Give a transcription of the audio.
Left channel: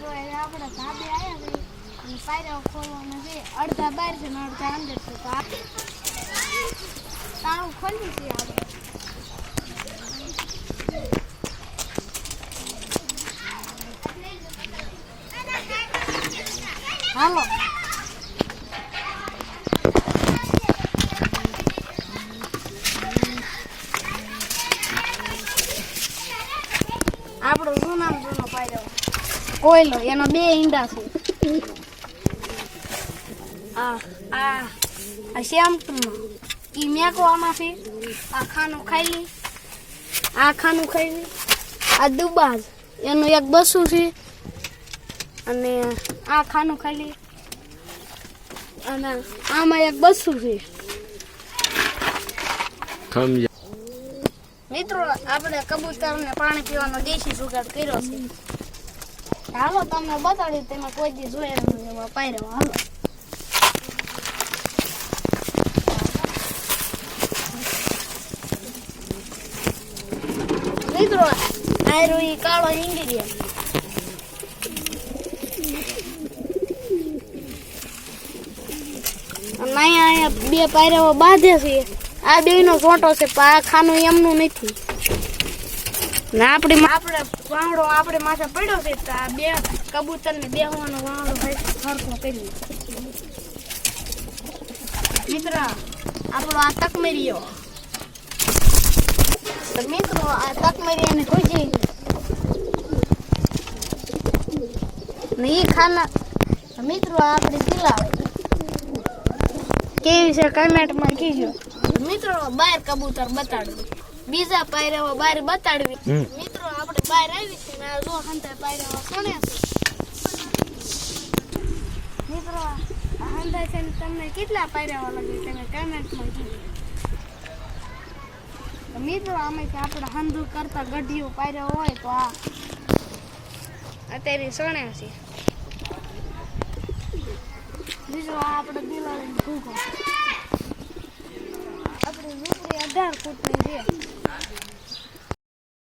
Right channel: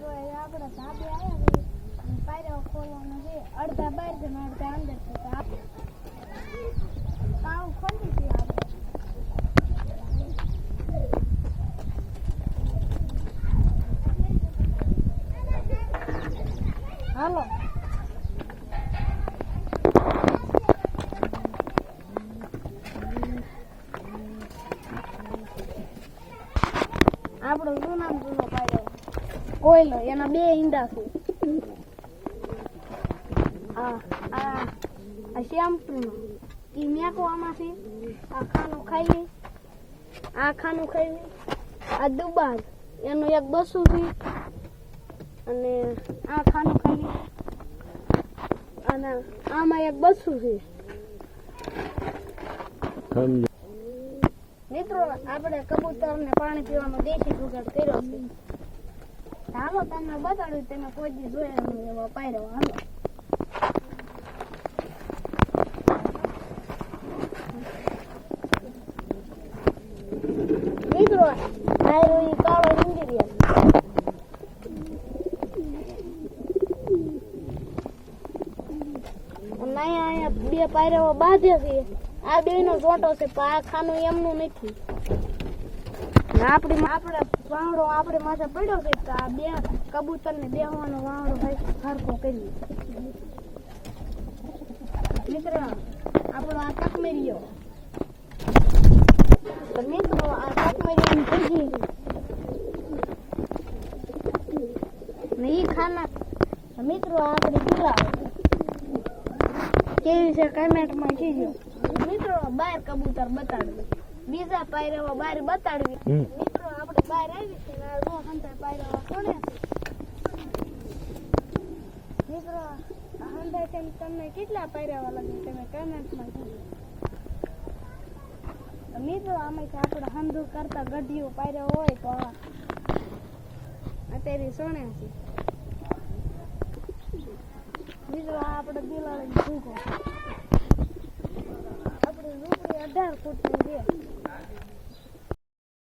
મિત્રો આપણે ધાબે આવ્યા છે પાયરા ખોલવાના છે અડધા બહાર છે ને અડધા અંદર છે તો તાળું ખોલી છે આપણે હાલો આપણો જૂનો પાયરો કોયલો એના બે ઈંડા છે આ શ્યામટુનો ઈ મેકો આમાંથી આ ખાનું ખાઈ આ દુબાજ એનું એક બસું છે અને આ ખાનું ખાઈ અને આમાં એક બસું છે મિત્રો આપણે કબૂતરને પાણી પીવાનો દેશી જુગાડ કર્યો છે હાલો તમને બતાડ્યું તેમાં કોઈ દી જોયા નહીં એવા પાયરો હાલો મિત્રો પાયરો ઈ કાળો ઇન્ડિયન અહીંયા બે પાયરાઓ બાંધે છે આ બેયનો ફોટો છે પણ આ ખાનું એમનું નથી ને આપણે વાંગડો આપણે માથે પડ્યો છે તો આ બે કબૂતરને બેહવાનો વાંગડો સરખો કરી મિત્ર આપણો આ તકમેરીઓ તો મિત્રો આ તકમેરીઓને ખોજી ને એ ખાના મિત્રો આપણે પીલાવે કેવી છે કમેન્ટમાં કીજો મિત્રો બહાર કબૂતર બતાડવું બીજા પાયરાઓ બહાર બતાડવી મિત્રો આપણે બહાર આવી છે ને જો હંતા પાયરાઓ કોણે છે મિત્રો હંતા છે ને તમને કેટલા પાયરાઓ લાગે તમે કમેન્ટમાં કીજો મિત્રો આમાંથી આપણે હંધુ કરતા ગઢીઓ પાયરાઓ હોય તો આ અત્યારે સણે છે મિત્રો આપણે બિલાડીને ભૂખો આપણે ઝૂંપડી 18 ફૂટની છે